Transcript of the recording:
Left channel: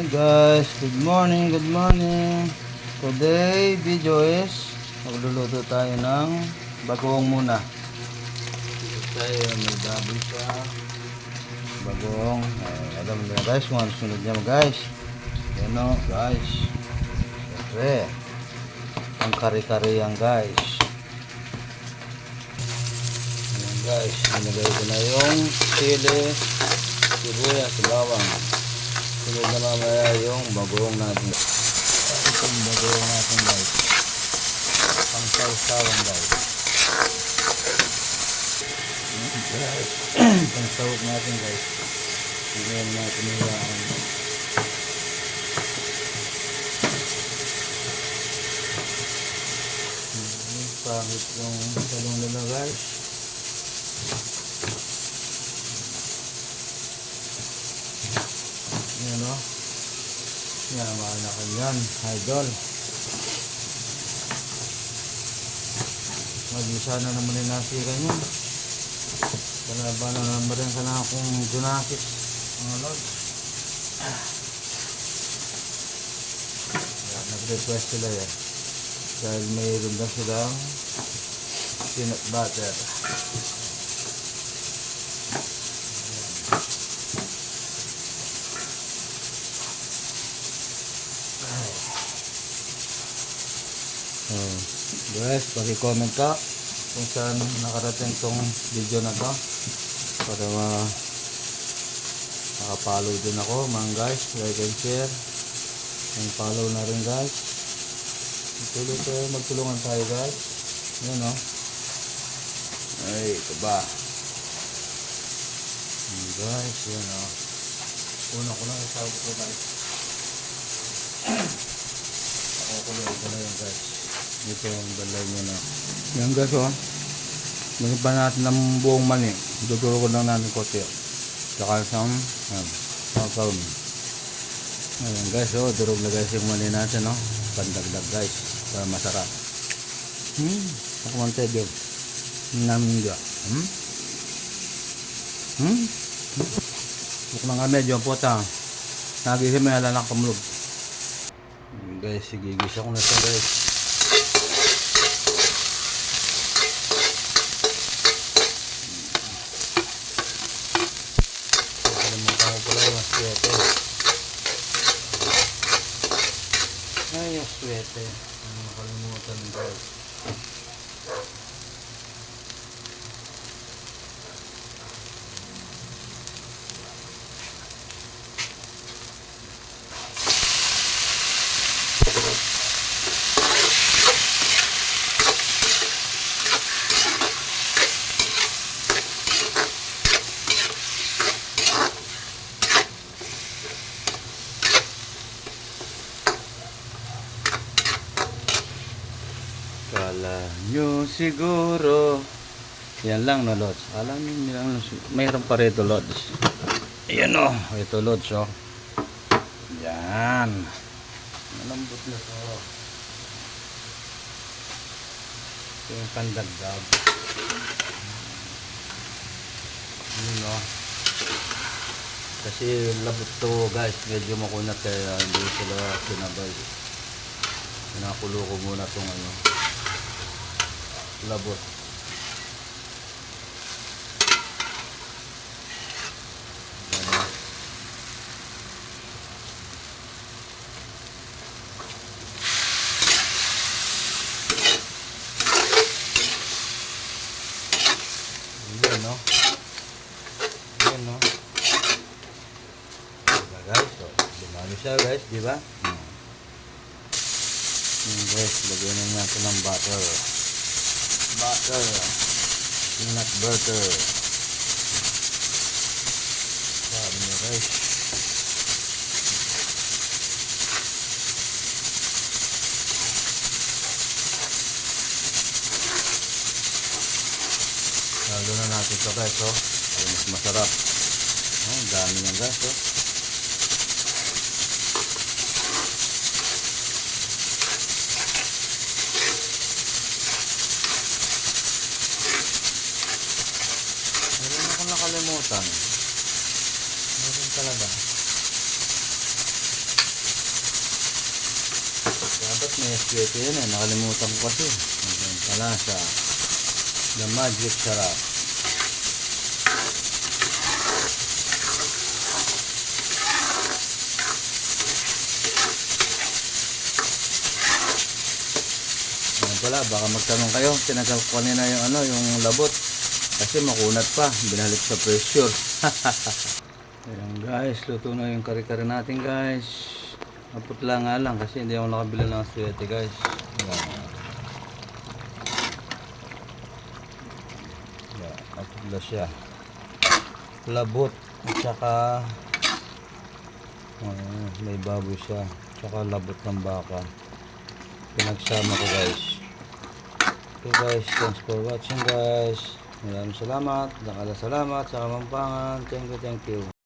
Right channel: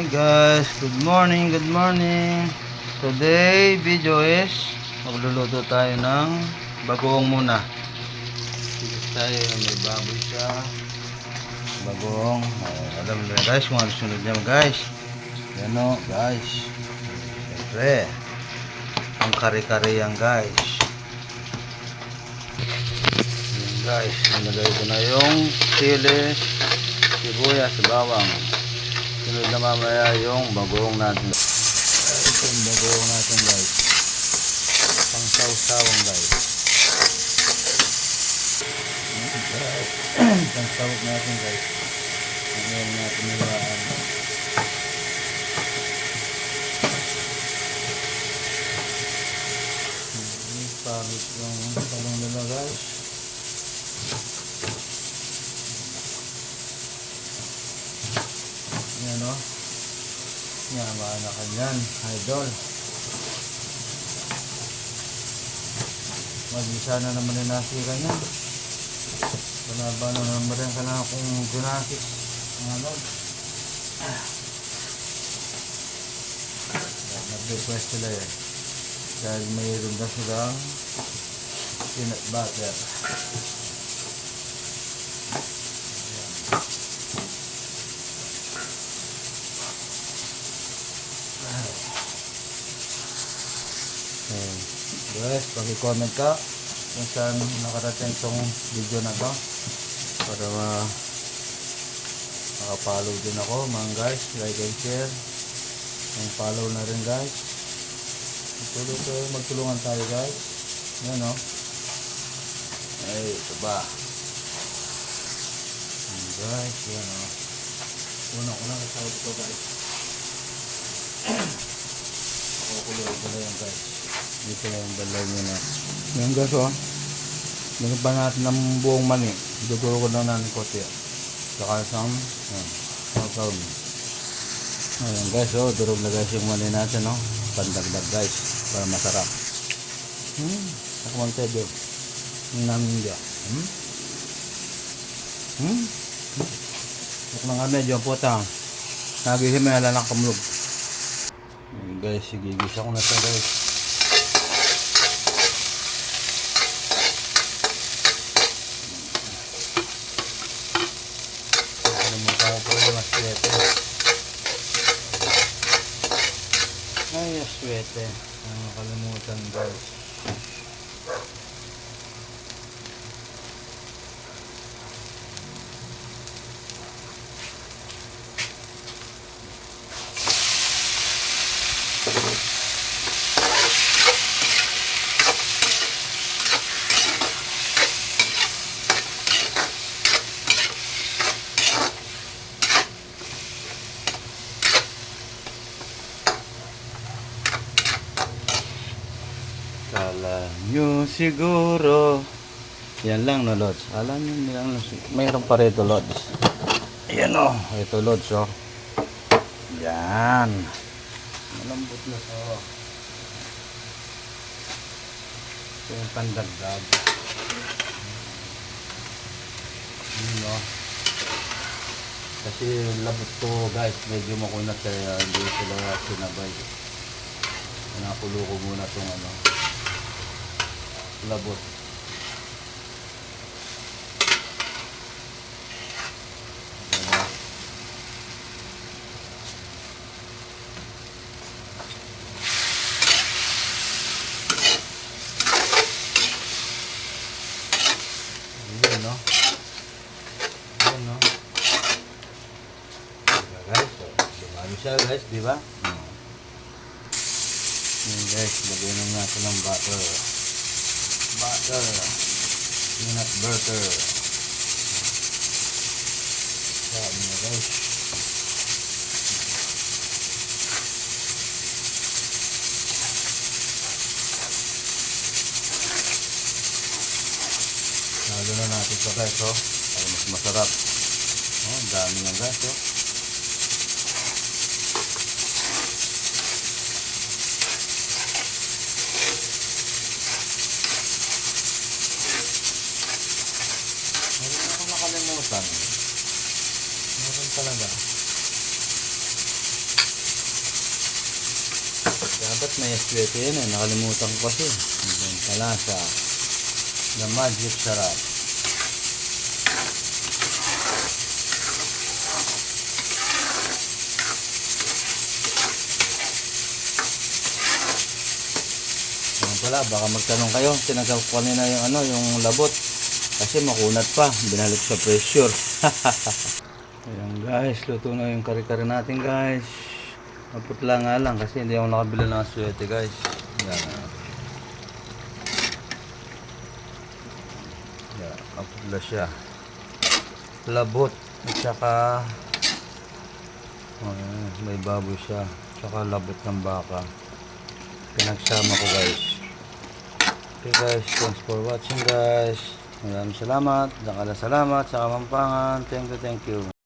Hi guys, good morning, good morning. Today video is magluluto tayo ng bagoong muna. Dito tayo, may baboy siya. Bagoong, alam nyo na guys kung ano sunod niya guys. Yan o guys. Siyempre, ang kare-kare yan guys. Yan guys, nilagay ko na yung sili, sibuyas, bawang. Sunod na mamaya yung bagoong natin. Ito yung bagoong natin guys. Pang saw-sawang guys. Pang sawag natin guys. Ngayon natin nilaan. Pahit yung talong lalo guys. Yan o. Yamaan na kanyan, idol. Mag-isa na naman yung nasira nyo. Palaba na naman rin ko na akong ginakit. Mga lord. Nag-request sila eh. Dahil mayroon na silang peanut butter. Guys, paki-comment ka kung saan nakarating tong video na to para makapollow din ako man guys, like and share and follow na rin guys. Pwede tayo magtulungan tayo guys. Yan o. Ay, ito ba guys, yan o. Una ko lang kasawad ko guys. Kukulay ko na yan guys. Dito yung balay nyo na. Yan guys o. Ganyan pa natin ng buong mani. Duduro ko na natin kote. Saka isang sasawin. Ayan guys o. Durog na guys yung mani natin o. Pandagdag guys. Para masarap. Ako man tayo din. Namin dyan. Ako mga medyo po ta. Nagising may alanak kamulog. Guys, sigigisa ko na siya guys. Ay, aswete. Nakalimutan guys. Kala nyo siguro yan lang no Lord. Alam nyo nilang mayroon pa rito Lods. Ayan o. Ito Lods o. Yan. Malambot na to. Ito yung pandagdag. Yun o. Kasi labot to guys. Medyo makunat kaya hindi sila sinabay. Nakulo ko muna tong labot. Ayan no. Ayan no. Guys, so, lumalo siya guys, di ba? Guys, lagyan na natin ng butter. Peanut butter. Sabi nyo guys. Lalo na natin ito guys oh. Para mas masarap. Oh, dami na guys oh. Nakalimutan. Meron talaga. Dapat may aswete yan eh. Nakalimutan ko kasi. Ang palasa. The magic sarap. Yan pala, baka magtanong kayo. Tinagap ko kanina yung ano, yung labot. Kasi makunat pa. Binalik sa pressure. Ayan guys, luto na yung kare-kare natin guys. Maputla nga lang kasi hindi ako nakabili ng aswete guys. Ayan. Ayan, maputla siya. Labot at saka may baboy siya. Saka labot ng baka. Pinagsama ko guys. Okay guys, thanks for watching guys. Maraming salamat. Dakala salamat sa Kamampangan. Thank you, thank you.